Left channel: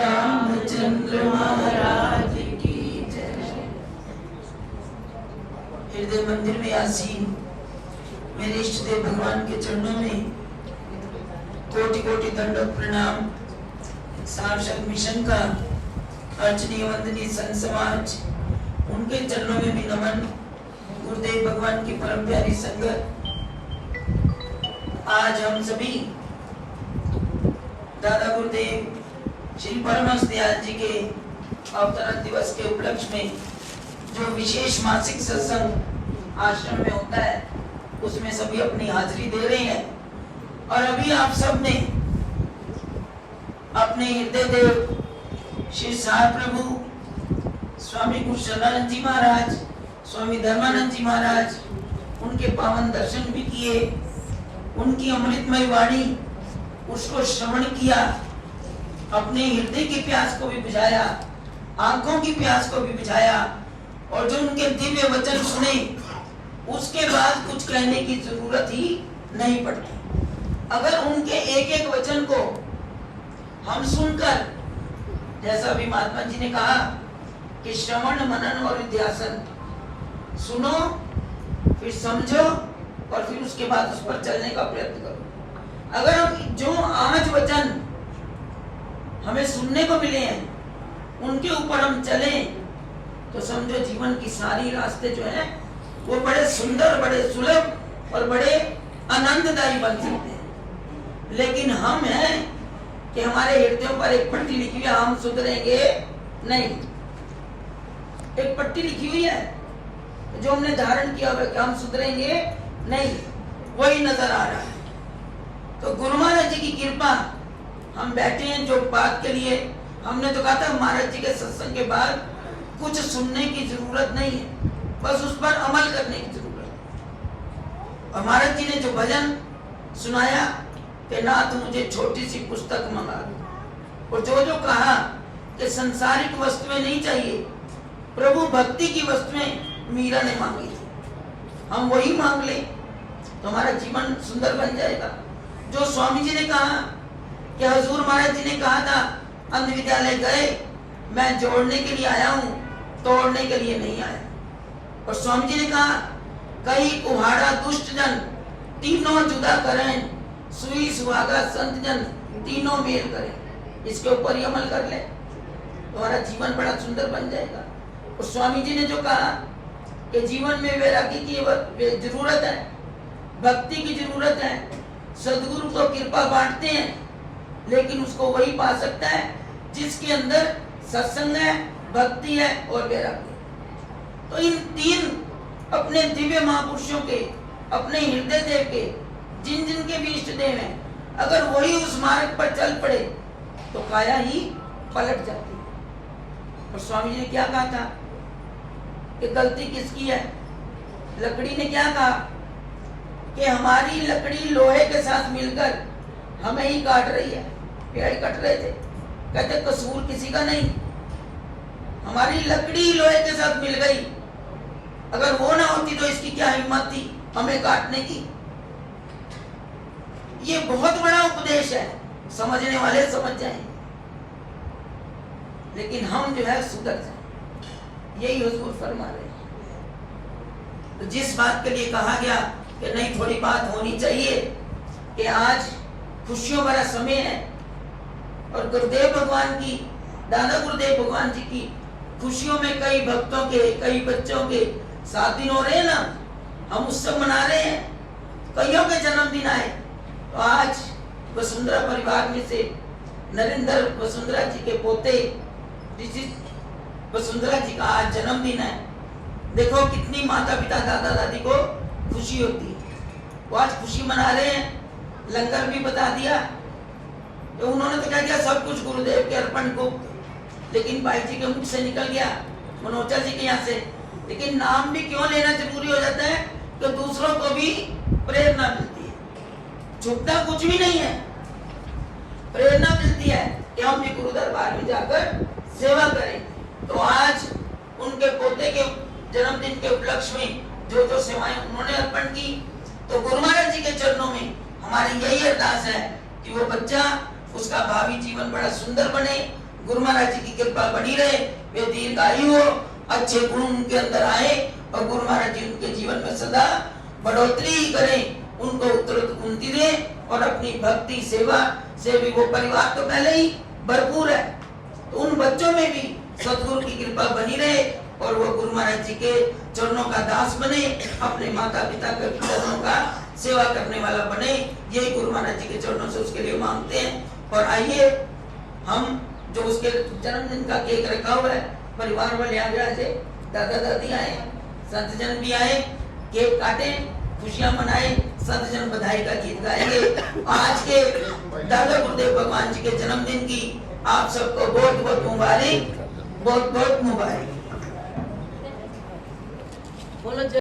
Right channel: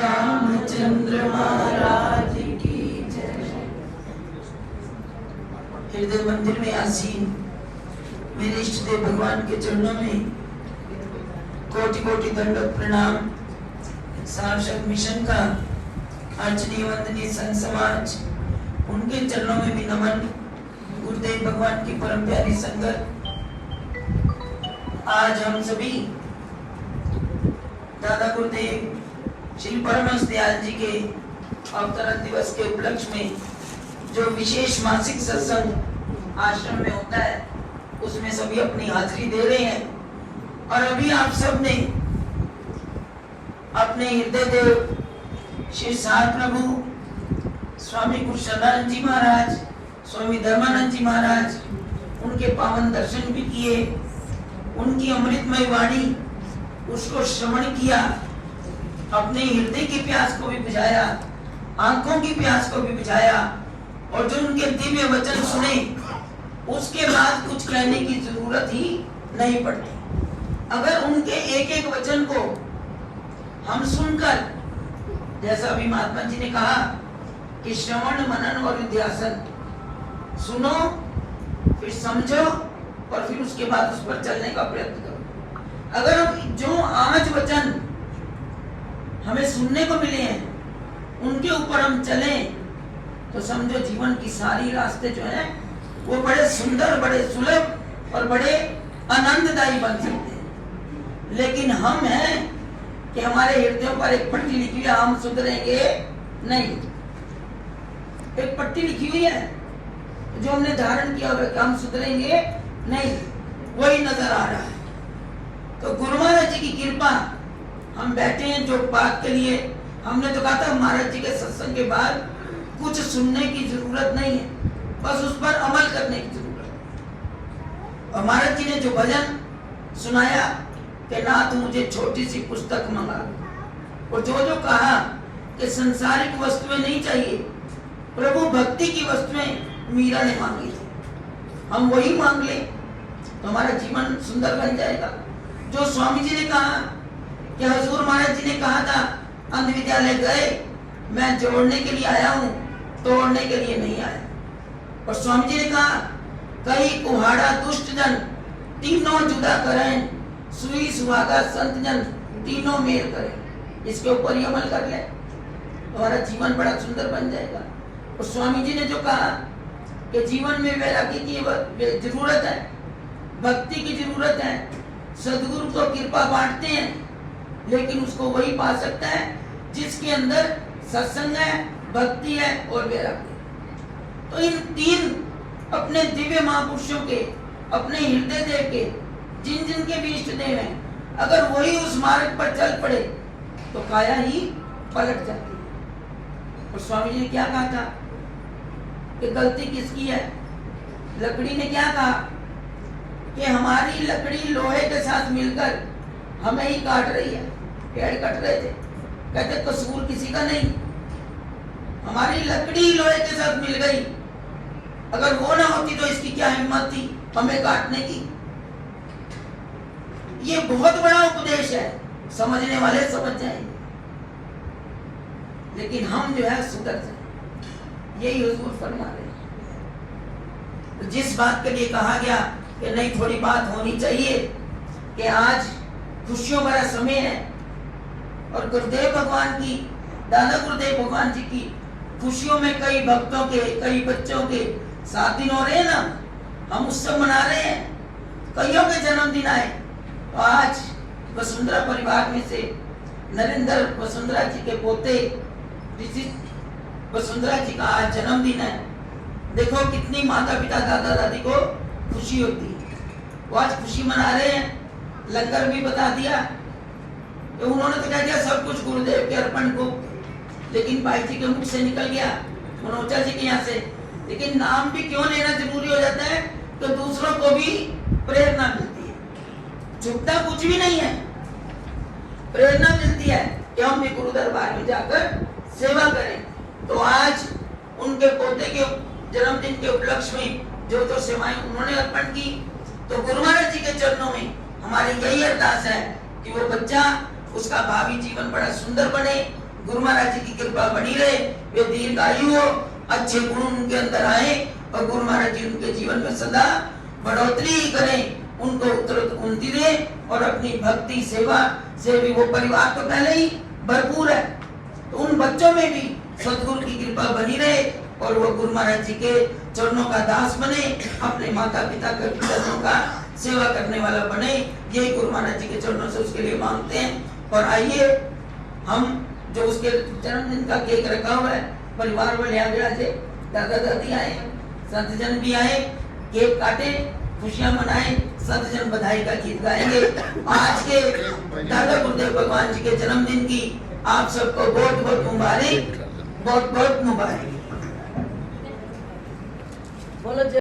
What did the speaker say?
रामचंद्र महाराज की जय। हृदय मंदिर में आसीन मेरे इष्ट देव भगवान के चरणों में कोटि कोटि दंडवत प्रणाम। सारशक मिशन का अर्चनीय वंदनीय संत समाज, उनके चरणों में भी नमन। गुरुदेव भगवान की परम प्यारी संगत, आज हम सभी दादा गुरुदेव श्री परमहंस दयाल जी के अवतरण दिवस के उपलक्ष्य में जो विशेष मासिक सत्संग आश्रम में होता है, उसमें सभी अपनी हाजिरी दे रहे हैं। और अभी आप सब ने अपने हृदय देव श्री सार प्रभु स्वामी गुरु शरणानंद जी महाराज, स्वामी धर्मानंद जी महाराज, उनके पावन दर्शन भी किए, उनकी अमृतमय वाणी उसको श्रवण किया, अपने हृदय की प्यास को भी बुझाया, आंखों की प्यास को भी बुझाया, और जो उनके दिव्य वचन सुने उसके बाद कुछ कहने की जरूरत ही नहीं पड़ती। अगर उनके एक एक वचन को हम सुनकर, जैसा अभी महात्मा जी ने कहा कि श्रवण मनन और निध्यासन, सुनो फिर समझो और फिर उसके बाद उस पर चलने का प्रयत्न करो। अगर हम जो आज वचन हमें सुनने को मिले हैं उनके ऊपर हम चलें, तो समझो जीवन की सारी रास्ते जो हैं वो बड़े सुंदर, बड़े सुलभ और बड़े आनंददायी बन सकते हैं। लेकिन हम हैं कि हमारे हृदयों पर एक पट्टी लिखी हुई है, हम सुधरेंगे नहीं। एक पट्टी लिखी हुई है जो हमने धारण किया हुआ कि हम सुधरेंगे नहीं, वही नजर आ रहा है। तो गुरु महाराज जी की कृपा, हम बैठे हैं जो बात के लिए, हमने तो कहा था महाराज जी के सत्संग के बाद कुछ सुनने की जरूरत नहीं है, बस उस पर अमल करने की जरूरत है। और महाराज जी ने जो भजन सुनाया कि नाथ मुझे छोटी सी पुस्तक मंगा दो, और जो जो कहा कि संसारिक वस्तुएं नहीं चाहिए, प्रभु भक्ति की वस्तुएं मीरा ने मांगी थी, हम वही मांग ले तो हमारा जीवन सुंदर बन जाएगा। जो स्वामी जी ने कहा कि हजूर महाराज जी ने कहा था अंध विद्यालय गए, मैं जोड़ने के लिए आया हूँ, तोड़ने के लिए नहीं आया। और स्वामी जी ने कहा कई कुहाड़ा दुष्ट जन तीनों जुदा करें, सुई सुहागा संत जन तीनों मेल करें। इसके ऊपर ही अमल कर ले तो हमारा जीवन बड़ा सुंदर बन जाएगा। और स्वामी जी ने जो कहा कि जीवन में वैराग्य की जरूरत है, भक्ति की जरूरत है, सदगुरु तो कृपा बांटते हैं, लेकिन उसको वही पा सकता है जिसके अंदर सत्संग है, भक्ति है और वैराग्य। तो इन तीन अपने दिव्य महापुरुषों के, अपने हृदय देव के, जिन जिन के भी इष्ट देव हैं, अगर वही उस मार्ग पर चल पड़े तो काया ही पलट जाती है। और स्वामी जी ने क्या कहा था कि गलती किसकी है? लकड़ी ने क्या कहा कि हमारी लकड़ी लोहे के साथ मिलकर हमें ही काट रही है। पेड़ कट रहे थे, कहते कसूर किसी का नहीं, हमारी लकड़ी लोहे के साथ मिल गई, अगर वो ना होती तो इसकी क्या हिम्मत थी हमें काटने की। ये बहुत बड़ा उपदेश है, समझने वाले समझ जाएंगे, लेकिन हम जो है सुधर जाए, यही हुजूर फरमा रहे हैं। तो जिस बात के लिए कहा गया कि नहीं थोड़ी बात होनी चाहिए कि आज खुशियों भरा समय है और गुरुदेव भगवान की, दादा गुरुदेव भगवान जी की खुशियों में कई भक्तों के, कई बच्चों के 7 दिन हो रहे हैं ना, हम उत्सव मना रहे हैं, कईयों के जन्मदिन आए। तो आज वसुंधरा परिवार में से नरेंद्र वसुंधरा जी के पोते वसुंधरा जी का आज जन्मदिन है। देखो कितनी माता पिता दादा दादी को खुशी होती है, वो आज खुशी मना रहे हैं। लंगर भी बता दिया, तो उन्होंने तो कह दिया सब कुछ गुरुदेव के अर्पण को, लेकिन भाई जी के मुख से निकल गया, मनोजा जी के यहाँ से, लेकिन नाम भी क्यों लेना जरूरी हो जाता है? तो दूसरों को भी प्रेरणा मिलती है, झुकता कुछ भी नहीं है, प्रेरणा मिलती है कि हम भी गुरु दरबार में जाकर सेवा करें। तो आज उनके पोते के जन्मदिन के उपलक्ष्य में जो जो सेवाएं उन्होंने अर्पण की, तो गुरु महाराज जी के चरणों में हमारी यही अरदास है कि वो बच्चा, उसका भावी जीवन बड़ा सुंदर बने, गुरु महाराज जी की कृपा बनी रहे, वे दीर्घायु हो, अच्छे गुण उनके अंदर आए और गुरु महाराज जी उनके जीवन में सदा बढ़ोतरी करें, उनको उत्तरोत्तर उन्नति दें और अपनी भक्ति सेवा से भी वो परिवार तो पहले ही भरपूर है, तो उन बच्चों में भी सतगुरु की कृपा बनी रहे और वो गुरु महाराज जी के चरणों का दास बने, अपने माता पिता के चरणों का सेवा करने वाला बने, यही गुरु महाराज जी के चरणों से उसके लिए मांगते हैं। और आइए हम जो उसके जन्मदिन का केक रखा हुआ है, परिवार वाले आगरा से दादा दादी आए, संत जन भी आए, केक काटे, खुशियां मनाए, संत जन बधाई का गीत गाएंगे। आज के दादा गुरुदेव भगवान जी के जन्मदिन की आप सबको बहुत बहुत मुबारक, बहुत बहुत मुबारक। बोलो।